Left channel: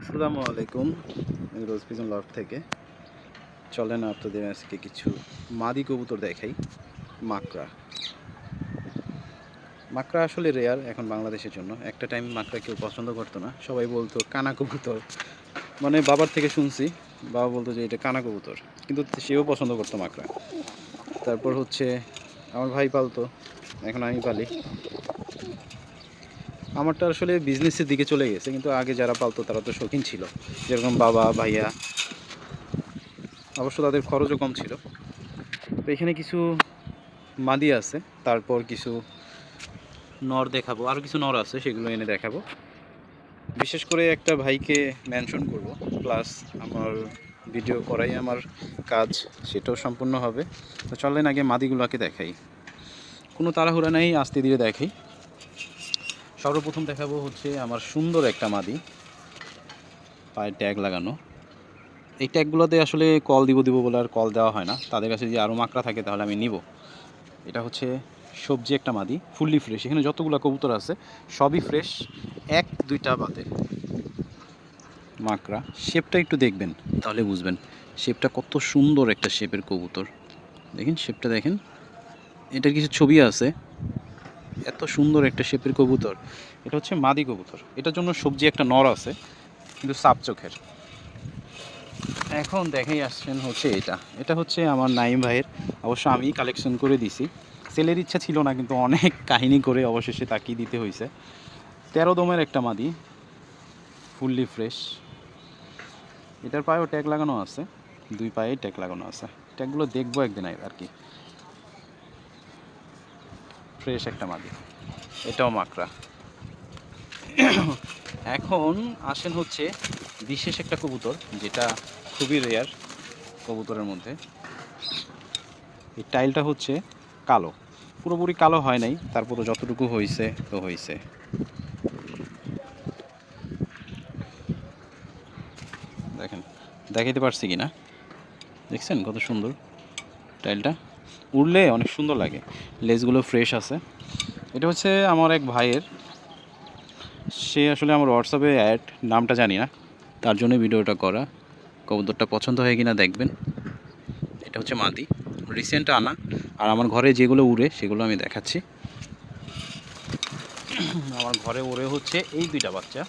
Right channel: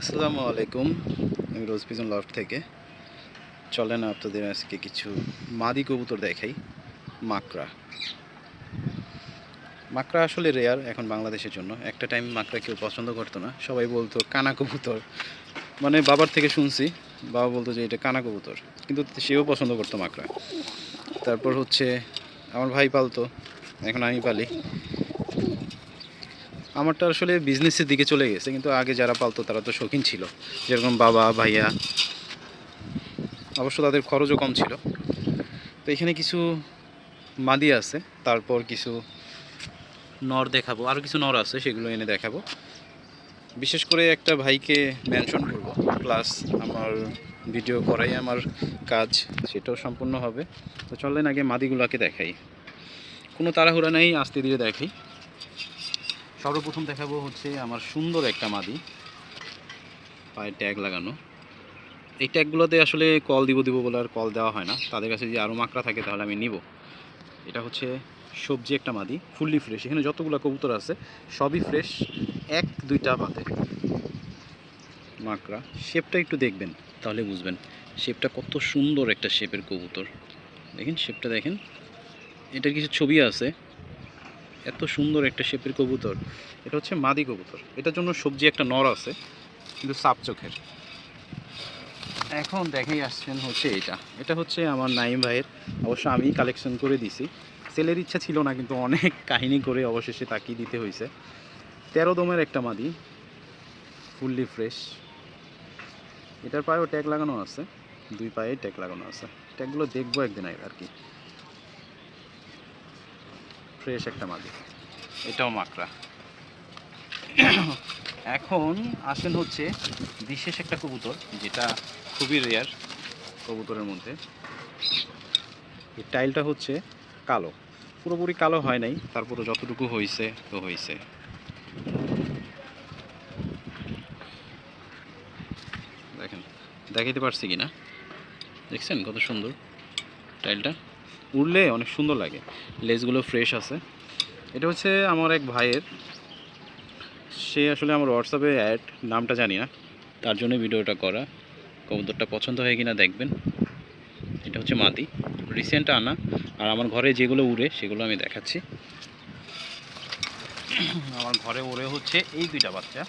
আসসালামু আলাইকুম। আমি রোজ পিজন লফট থেকে। চলেন আপনাদের আজকে কিছু মাদি কবুতর দেখাই। মাকড়া। মাকড়া আসলে রেয়ার এখন বাংলাদেশের জন্য। একটা টাইম মাকড়া কেউ পছন্দ করতো না। সবাই বলতো, কানা কবুতর। মানে বাবার থেকে শুনছি, বাবা বলতো যে, এটা কানা কবুতর। কিন্তু সেও পছন্দ করতো মাকড়া। তারপর হচ্ছে, আমার ভাই পালতো, এখন আমি পালি। আমারটা আসলে বিজনেসের দিকে চলে গেছে, কিন্তু আগে যারা পালতো তারা তো শৌখিন ছিল। যেরকম বাবা, ভাইয়া, অবশ্য তাদের খরচও কম ছিল। তো এখানে কিছু মাদি আছে, তারপর কিছু নর দেখাবো। আরও কিছু নর আছে, সেগুলো এনে দেখাবো। বিশেষ করে একটা ভাইকে মেনশন করব প্লাস আমার ভিডিও করাই আমার কাজ, সেটাও সম্পূর্ণ হবে। তো চলেন আগে মাদিগুলোকে দেখাই। কোনো তাড়াহুড়া নেই, আস্তে ধীরে দেখাই। সর্বপ্রথম দেখাবো হচ্ছে আমার সুন্দর একটা মাদি। পায়ে ট্যাগ লাগানো। এই ট্যাগগুলোতে আসলে কল দিব দিব বলে আর কল দেওয়া হয় না। তাদের কাছে যদি আরও মাকড়া থাকে তাহলে আমি নিব। এটা হচ্ছে সবজি একটা মাদি ফুললি ফ্রেশ এখানে যতগুলো কবুতর আছে, সবই ফ্রেশ এক, দুইটা বাদে। মাকড়া। শেপটা একটু দেখবেন, তাহলে বুঝবেন। শেপটা কত সুন্দর একটা শেপের কবুতর। দেখেন শেপটা দেখেন। এটার কিছু ছবি আছে। এত সুন্দর একটা শেপের কবুতর। এটা হচ্ছে মাদি কবুতর। এটার জন্য সবজি একটা নর আছে, কিন্তু সাপ চোখের। এখন দেখাই আসছেন হচ্ছে এটা। এটা হচ্ছে আমার নাইম ভাইয়ের। অবশ্য আমি কালেকশন করে দিছি। সেলের ইচ্ছা ছিল না, কিন্তু অনেক কাহিনী করে অবশেষে তাকিয়ে দিতে হয়েছে তেরো দমের একটা মাদি, ফুললি ফ্রেশ। এটার পায়েও ট্যাগ লাগানো আছে। দুই পায়ে ট্যাগ লাগানো আছে। ট্যাগগুলো দেখব একদিন আর কি। ফ্রেশ একটা মাদি এটাও মাকড়া। এখন আসেন হচ্ছে বিশেষ একটা কবুতর, যেটা খুবই রেয়ার কবুতরের মধ্যে। এই টাইলটা হচ্ছে কালো। পুরোপুরি কালো হয় নাই তারপরে যতটুকু হয়েছে তো হয়েছে দেখেন, দেখাইতে পারছি কি না দেখছেন কত সুন্দর টাইলটা? উড়লে অনেক সুন্দর লাগে। লেজগুলো ফ্রেশ আছে। এটা হচ্ছে আমার এক ভাইয়ের। সে আসলে আমার হোয়াটসঅ্যাপে অ্যাড নামটা জানি না। তার জন্য ভিডিওটা করা। কবুতরটা পছন্দ হয় কিনা দেখবেন। এটা হচ্ছে মাদি। রিসেন্ট আনা। আর আমার ঘরে যেগুলো উড়ে, সেগুলো আমি দেখাচ্ছি। আমার ঘরে উড়ে হচ্ছে এই দুইটা বাচ্চা।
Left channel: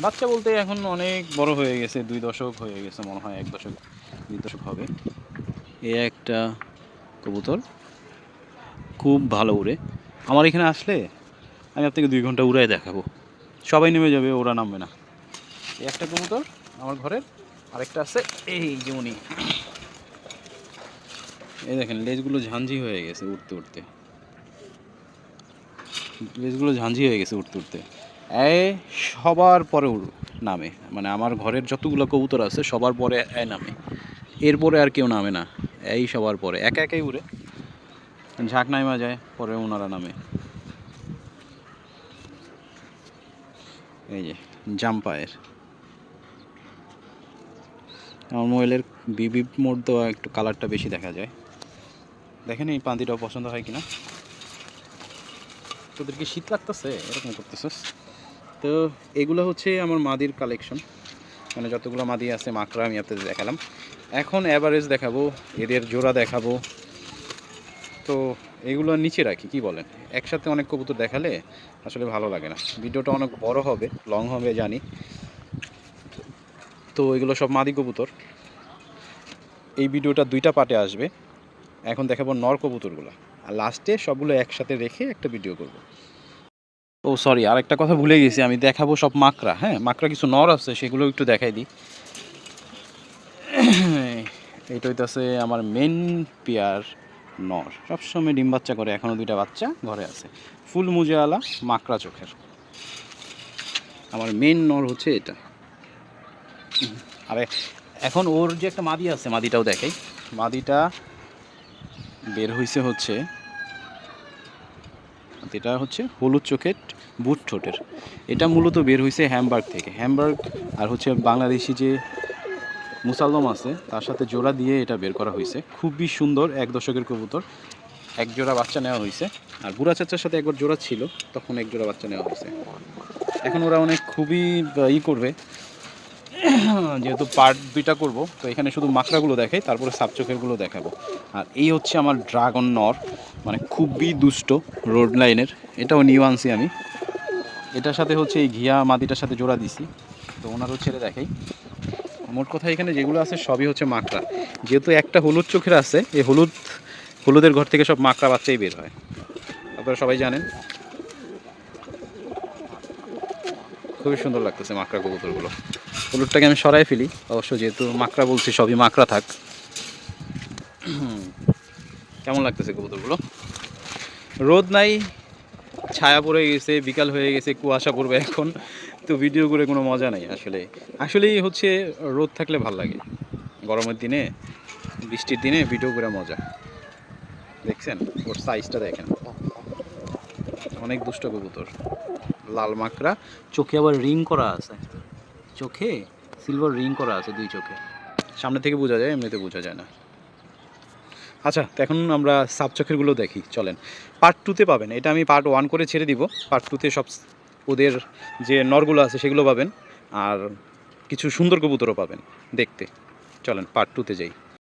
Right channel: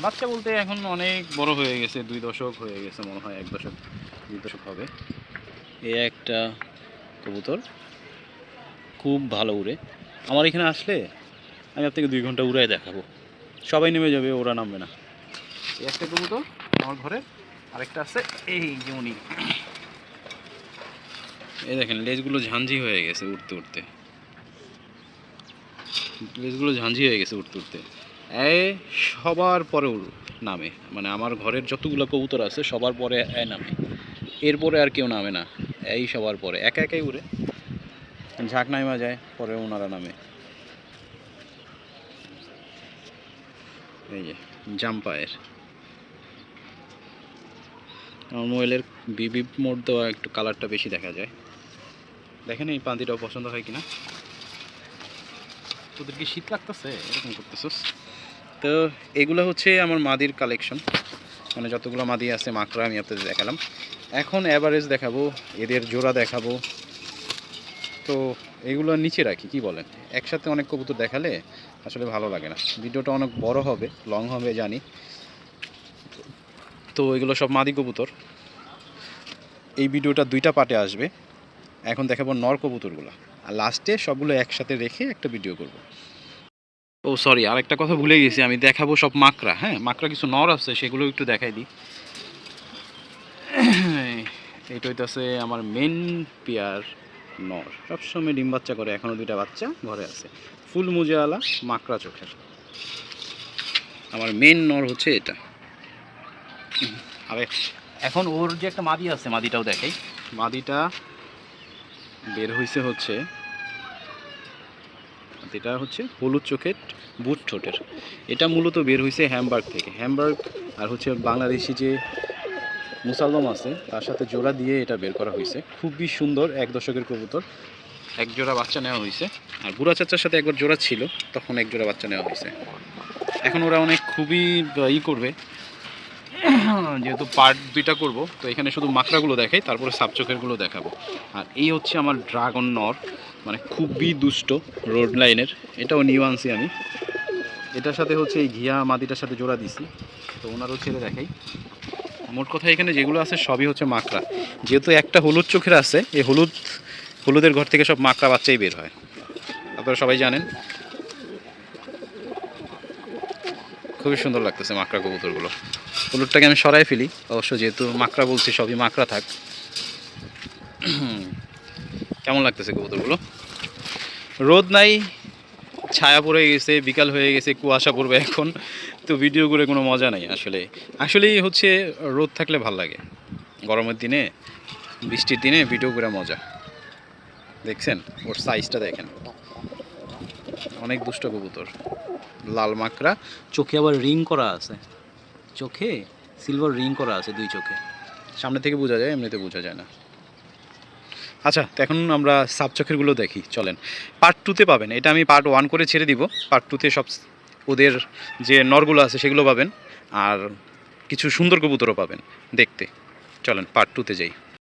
বাচ্চা বলতে এখন অনেক বড় হয়ে গেছে, দুই দশক হয়ে গেছে মনে হয়, এক দশক, দুই দশক হবে। এ একটা কবুতর। খুব ভালো উড়ে। আমার এখানে আসলে আমি আপনাকে দুই ঘণ্টা উড়াই দেখাবো। সবাই নেমে যাবে ওরা নামবে না। এই একটা কবুতর আমার ঘরের আরেকটা আছে এই যে উনি। এই দেখেন লেজগুলো ঝাঞ্ঝি হয়ে গেছে উঠতে উঠতে লেজগুলো ঝাঞ্ঝি হয়ে গেছে উঠতে উঠতে এ সবার পরে উড় নামে। মানে আমার ঘরের যতগুলো কবুতর আছে সবার পরে এ নামে। এরপরে আর কেউ নামে না। এই সবার পরে, একা একাই উড়ে। ঝাঁক নামা যায় পরে ওনারা নামে। এই যে, জাম্পায়ের। আমার মোবাইলের বিবি মোড দেওয়া একটু কালারটা বেশি দেখা যায়। দেখেন এই পান্তিটা পছন্দ হয় কিনা। তোদের কি শীত লাগতেছে, এরকম করতেছস। তো এগুলো হচ্ছে আমার মাদির কালেকশন মানে যতগুলো মাদি আছে, মাকড়া আমি আপনাদের দেখালাম। এখন অ্যাভারেজ দেখাবো, এদের জোড়া দেখাবো। তো এগুলো নিচে রাখি, কি বলেন? একসাথে অনেক কবুতর দেখালে আসলে ভালো লাগে না। ভিডিওটা অনেক বড় হবে, লং হবে, জানি। তো এগুলো সব মাদি কবুতর। এই ভিডিওটা দুইটা পার্টে আসবে। এখন দেখাবো নর কবুতরগুলো। আর লাস্টে সবগুলো একসাথে রেখে একটা ভিডিও করব। ও সরি আরেকটা কথা ভুলে গেছি, আমি দেখাবো সব মাকড়া হ্যাঁ? মাকড়া কিছু নর আছে, সেগুলো একটু দেখাই দিই। এটা হইতেছে আমার মেন পেয়ার নর। সবসময় ডিম বাচ্চা করে এখনও দুইটা বাচ্চা ঘরে আছে। ফুল মুজেওয়ালা, মাকড়া চোখের। আমার মেন নর হচ্ছে এটা। আরে, এখন ওর যে একটা মাদি আছে, মাদিটাও দেখাই। মাদিটা বের হয়েছে হচ্ছে এটা হচ্ছে হলুদ চোখের বুট ঠোঁটের। এটা মূলত বের হয়েছে হ্যামবার্গ থেকে। হ্যামবার্গ আর হচ্ছে বাংলাদেশি যে মুসালদম আছে, তার সাথে জোড়া দিয়ে এটা বের করা হয়েছে খুবই সুন্দর, এক দশকের কবুতর। এক জোড়া বাচ্চা নেওয়া হয়েছে আর বুড়া চাচার সাথে একবার জোড়া ছিল, তখন এক জোড়া বাচ্চা নেওয়া হয়েছে এখন ওরা অনেক খুবই ই করবে। যেহেতু পার্ট দুইটা করব, তো এখানে শুধু মাকড়াগুলো দেখাই, তারপরে সাপচোখেরগুলো দেখাবো। আর এই হচ্ছে আমার ড্রাগন নর মানে খুবই দুষ্ট রোড লাইনের এটাও নিউ আনছি আমি। এটার সাথে হচ্ছে এই ঘিয়া মাদিটার সাথে জোড়া দিছি। তো ওনারও ছেড়ে দেখাই। মোট কথা এখানে যেগুলো আছে সবই হচ্ছে মাকড়া। যেহেতু একটা হলুদ চোখের আছে, এই হলুদ, হলুদের ঘর থেকে সব মাকড়া বাচ্চাই বের হয়। আপনারা সবাই জানেন। খুবই সুন্দর লাগতেছে মাকড়া কবুতরগুলো। হলুদটাকে আমি সরাই ফেলি। অবশ্য যেহেতু মাকড়া বলছি, সবই মাকড়া থাক। কেমন লাগতেছে কবুতরগুলো? রোদ নাই, ছায়া পড়ে গেছে, বিকাল হয়ে গেছে, কুয়াশা পড়বে এখন। তো ভিডিও করে কোনো মজা নাই আসলে। আসলেই হচ্ছে, রোদ থাকলে ভালো লাগে। গরমের দিনে, বৃষ্টির দিনে ভিডিও করে মজা। দেখছেন? ওর সাইজটা দেখেন। অনেক দুষ্ট কবুতর। লাল মাকড়া, চোখে আবার রিং করা আছে। চোখে সিলভার রিং করা আছে দুই চোখে। সামনে থেকে বোঝা যায়, এমনিতে বোঝা যায় না। আচ্ছা তো এখন আমরা সাব চোখেরগুলো দেখি, চলেন। পার্ট টুতে পাবেন, এটা আমি পার্ট ওয়ান করে ছেড়ে দিব। পার্ট টুতে সব ওদের যে নরগুলো আছে সেগুলো পাবেন, আর কিছু সুন্দর কবুতরও পাবেন, দেখতে। চলেন পার্ট টুতে যাই।